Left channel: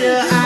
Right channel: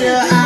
Yeah.